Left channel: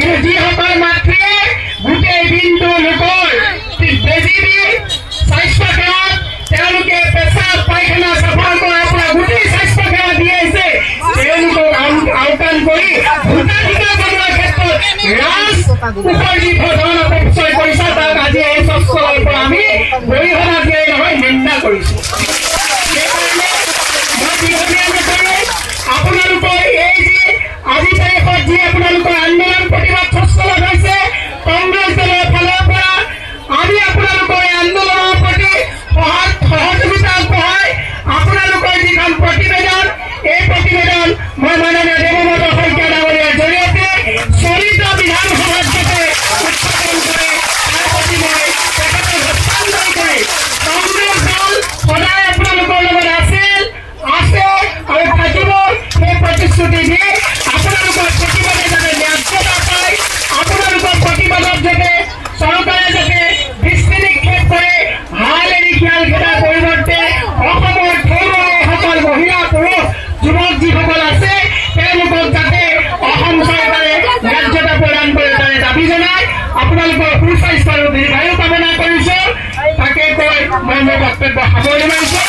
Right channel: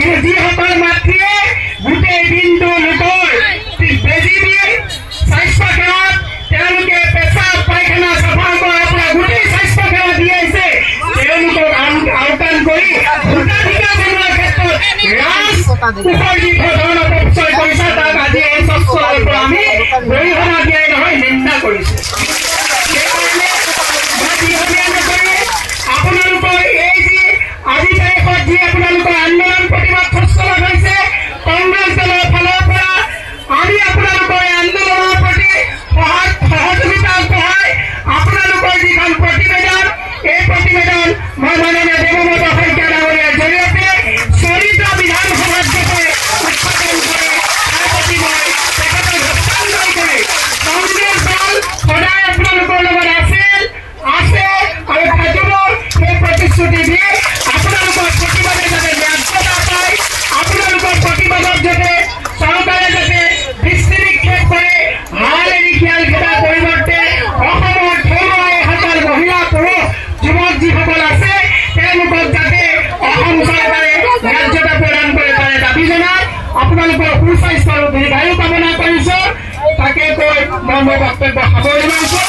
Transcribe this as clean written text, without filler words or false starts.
কিন্তু যিসকল মাতৃয়ে গোটেই দিনটো লোকৰ বেজী দি স্বাস্থ্য সেৱাত তেওঁলোকে পেচাব পায়খানা চাফা কৰাৰ পৰা গোটেই স্বাস্থ্য সেৱা দি আহিছে তেওঁলোকক আওকাণ কৰি ভোটাধিকাৰ জনোৱাৰ ক্ষেত্ৰত উপাৰ্জিত ধন অপচয় কৰিছে তাক আজি এই স্বচ্ছৰ পৰা আমি গৰিহণা দিয়াই নহয় নিন্দা কৰিছো। আপোনালোকৰ এই যি আজি তাৰিখত যি আপোনালোকৰ আন্দোলন প্ৰতিবাদ স্বচ্ছল হৈছে কংগ্ৰেছ দলৰ ফালৰ পৰা আজি আপোনালোকৰ এই আন্দোলনৰ প্ৰতি সহযোগিতা আগবঢ়াই আপোনালোকৰ যিখন প্ৰতিবেদন এই প্ৰতিবেদন মই মাননীয় দেৱব্ৰত শইকীয়া ডাঙৰীয়াৰ জৰিয়তে চলিত বিধানসভাত যাতে উত্থাপন কৰে তাৰ প্ৰতি মই তেখেতক হস্তান্তৰ কৰি কংগ্ৰেছ দল সদায় আপোনালোকৰ লগত আছিল আছে আৰু থাকিব সেই প্ৰতিশ্ৰুতি দি আপোনালোকৰ প্ৰতিবাদে যাতে ন্যায্যতা পায় আপোনালোকৰ প্ৰতিবাদত যাতে চৰকাৰে যাতে দৃষ্টি নিক্ষেপ কৰে হাল এৰি খিয়াল খেদাৰ পৰিৱৰ্তে অসমৰ থলুৱাসকল মহিলা পুৰুষ যুৱক যিসকল আছে তেওঁলোকক যাতে অসম চৰকাৰে ন্যায্যতা প্ৰদান কৰে তাৰে দাবী জনাই আপোনালোকৰ সুস্বাস্থ্য আৰু দীৰ্ঘায়ু কামনা কৰিছো। তাকে কৈ মই মোৰ বক্তব্য সামৰি মাৰিছো।